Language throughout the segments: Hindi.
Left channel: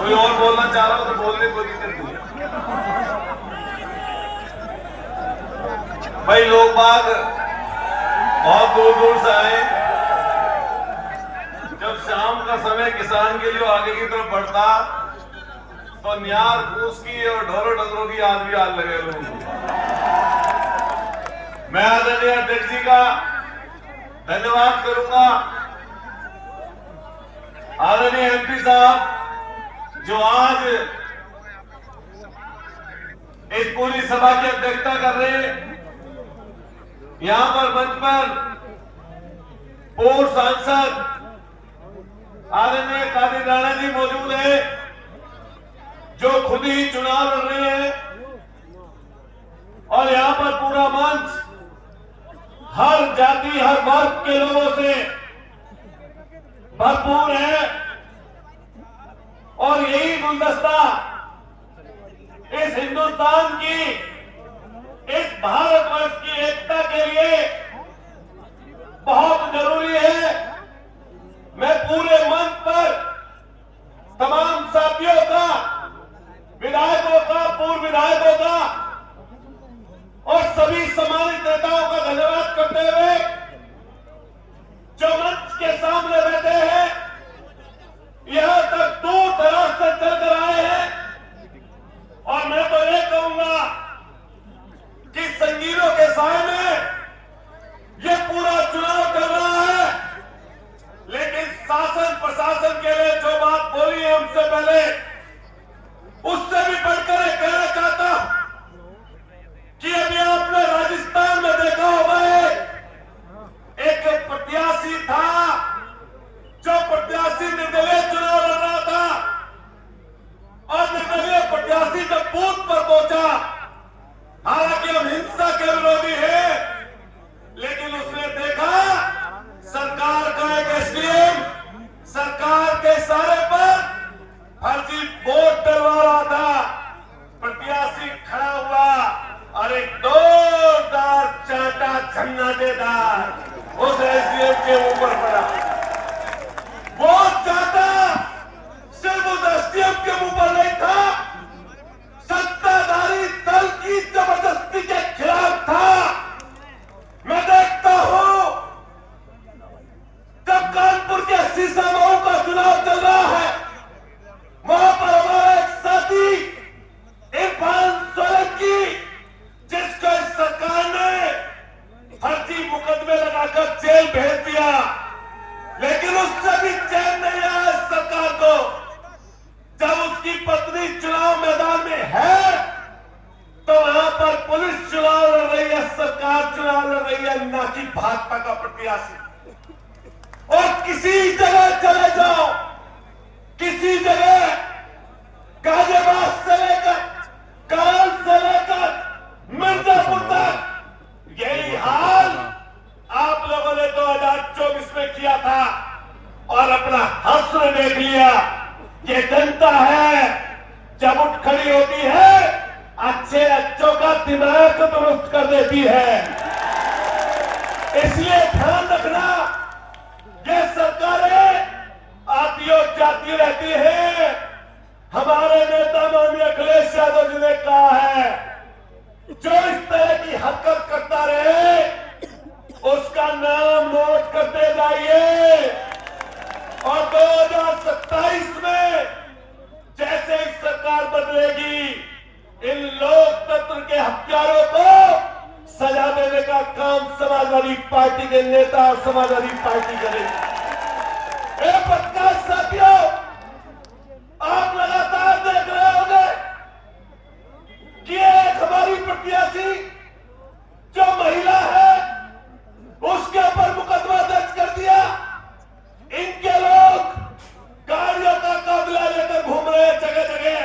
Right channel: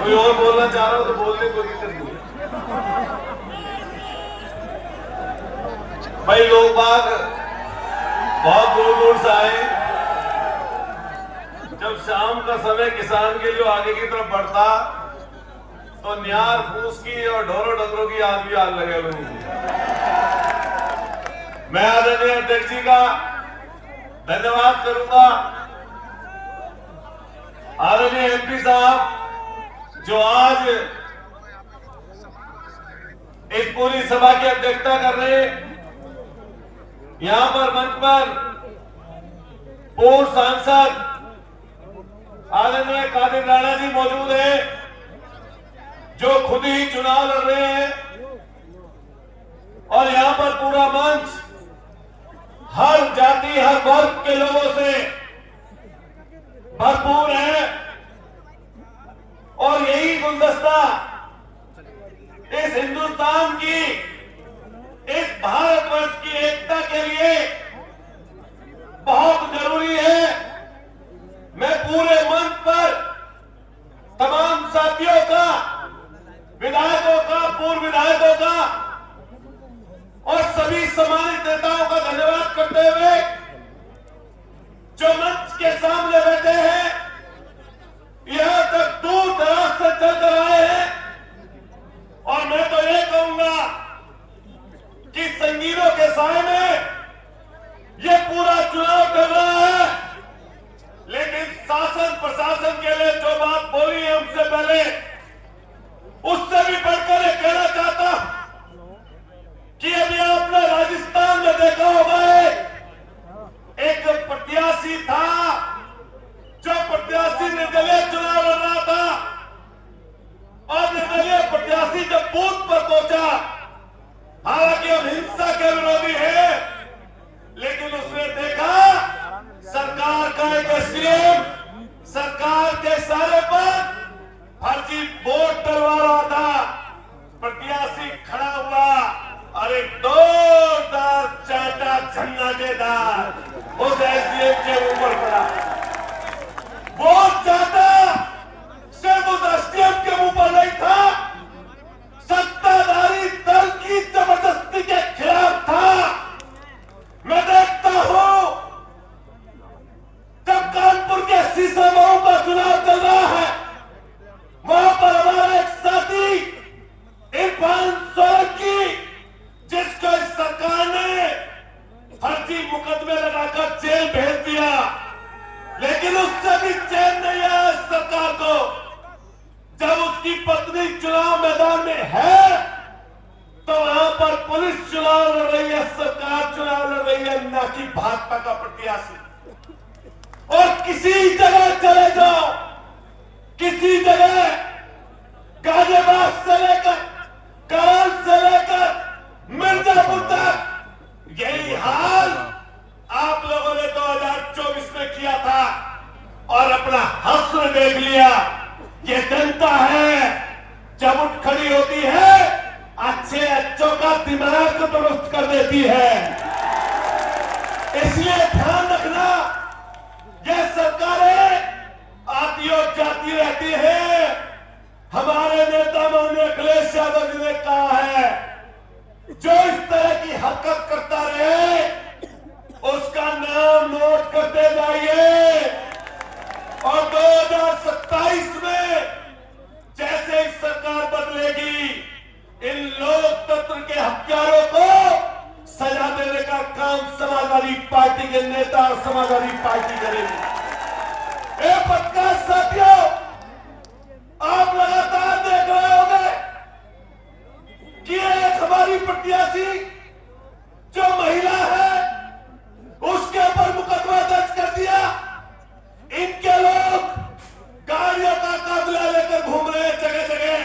कोई और बोलना चाह रहा हो तो बोलने को नहीं दूंगा। भाई लोग बाग बहुत दूर दूर से आए। जब शाम का समय किसान के लिए आगे की तरफ बढ़ता तो न्यार फूस की और ढोरों डंगरों की याद भी आग लगे हुए। मैं आदरणीय अध्यक्ष जी का धन्यवाद करूंगा। आदरणीय एमपी साहब जो आज इस पूरी सभा की अध्यक्षता कर रहे हैं, यहां पर मंच पर पूर्व सांसद आदरणीय कादिर राणा जी मौजूद है, जो खुद ही चुनाव लड़ रहे हैं, और यहां पर पूरा मंच हर जाति हर वर्ग के लोगों से भरपूर है। और यही गुलदस्ता इस हिंदुस्तान की, इस भारतवर्ष की एकता के लिए बहुत जरूरी है। मैं पूरे मंच पर तमाम साथियों का, विधायकों का, पूर्व विधायकों का और सभी सम्मानित नेताओं का धन्यवाद करते हुए जो मंच के सामने बैठे हैं, यहां तक दूर दराज से चलकर आए हैं, और मैं तो ये कहूंगा कि संगीनों के साय में ये पूरा चुनाव चल रहा है, लेकिन शासन प्रशासन के लिए जो बात बोली है हमसे पहले, उससे भी बढ़कर ये कहना चाहता हूं कि अभी आपने राजस्थान में देखा होगा, एक प्रत्याशी था जो प्रत्याशी निर्दलीय चुनाव लड़ रहा था, और निर्दलीय प्रत्याशी जब बूथ पर पहुंचा, हालांकि हम हिंसा के विरोधी हैं, लेकिन उसने देखा सरकार का एक एसडीएम सरकार के इशारे पर फर्जी वोट डलवा रहा था। प्रत्याशी खड़ा हुआ और एक जोरदार चाटा झन्ना देता उस एसडीएम के ऊपर पड़ा। वो चाटा सिर्फ उस एसडीएम के मुंह पर नहीं था, सत्ताधारी दल की जबरदस्ती के खिलाफ था। मैं देखता हूं जब कानपुर के शीशा मऊ का चुनाव चल रहा है, वहां पर हमारा एक साथी इरफान सोलंकी, जिसको इस सरकार ने फर्जी मुकदमे लगाकर जेल भेज दिया, लेकिन उससे भी चैन नहीं आया सरकार को। जब उसकी पत्नी चुनाव मैदान में है तो वहां पर पुलिस चुनाव लड़ रही है, सरकार चुनाव लड़ रही है, ना कि भाजपा का प्रत्याशी। और किसी जगह चले जाओ, किसी जगह गाजियाबाद से लेकर करल से लेकर मिर्जापुर तक यही हाल आप लोगों ने 2024 में किया था, और अपना हश्र देख लिया। ये जनता है जब उठ खड़ी होती है, अच्छे अच्छों का दिमाग को दुरुस्त कर देती है। इसलिए ध्यान रखना, ये सरकारें आती और जाती रहती है। हमारे नेता माननीय अखिलेश यादव जी ने कहा है, जो इस तरह की हरकत करता रहे उसका नाम नोट करते जाइए, और 2027 में जैसे ही सरकार बदलेगी, इन लोकतंत्र के हत्यारों को सजा देने का काम समाजवादी पार्टी के नेता और समाजवादी पार्टी करेगी। पत्रकार साथियों, आप लगातार देख रहे होंगे कि एक हमारी प्रत्याशी जो महिला है, उसके ऊपर मुकदमा दर्ज कर दिया। इनके लोग गाड़ियों का काफिला लेकर घूम रहे हैं जगह जगह।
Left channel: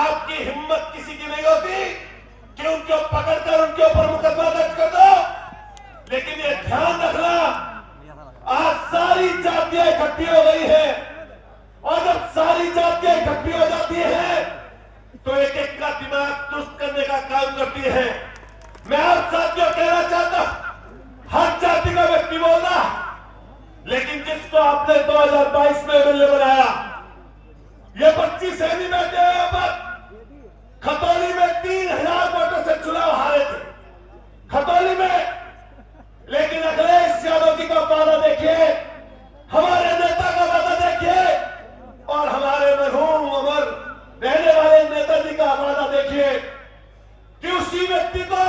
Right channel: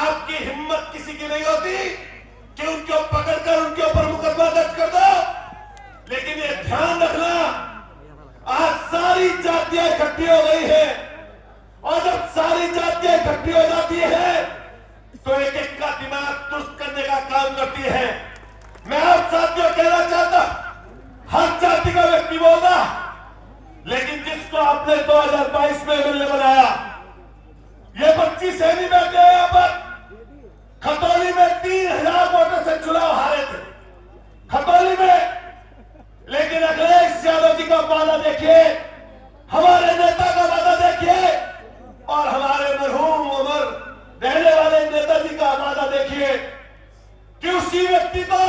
आपकी हिम्मत किसी की नहीं होती कि उनको पकड़कर उनके ऊपर मुकदमा दर्ज कर दो। लेकिन ये ध्यान रखना, आज सारी जातियां इकट्ठी हो गई है, और जब सारी जातियां इकट्ठी हो जाती है तो एक एक का दिमाग दुरुस्त करने का काम करती है। मैं आप साथियों कहना चाहता, हर जाति का व्यक्ति बोलना, लेकिन जिसको आपने 2022 में एमएलए बनाया, ये 25 सैनिक बैठे हैं यहाँ पर। खतौली में 3000 वोटों से चुनाव हारे थे, खतौली में। लेकिन अखिलेश यादव जी का वादा देखिए, हमारे नेता का वादा देखिए, और हमारे मरहूम अमर रहने वाले नेताजी का वादा देखिए कि उसी व्यक्ति को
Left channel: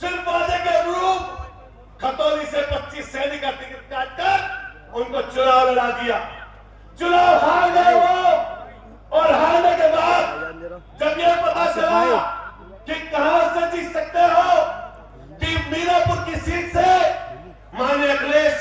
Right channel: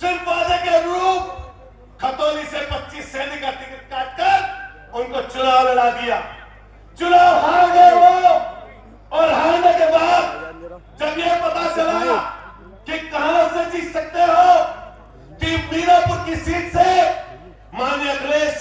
सिर्फ वादे के अनुरूप खतौली से 25 सैनिक का टिकट काटकर उनको चुनाव लड़ा दिया। चुनाव हार गए वो, और हारने के बाद जब ये पता चला कि कहां से जीत सकते हो, कि मीनापुर की सीट से माननीय अखिलेश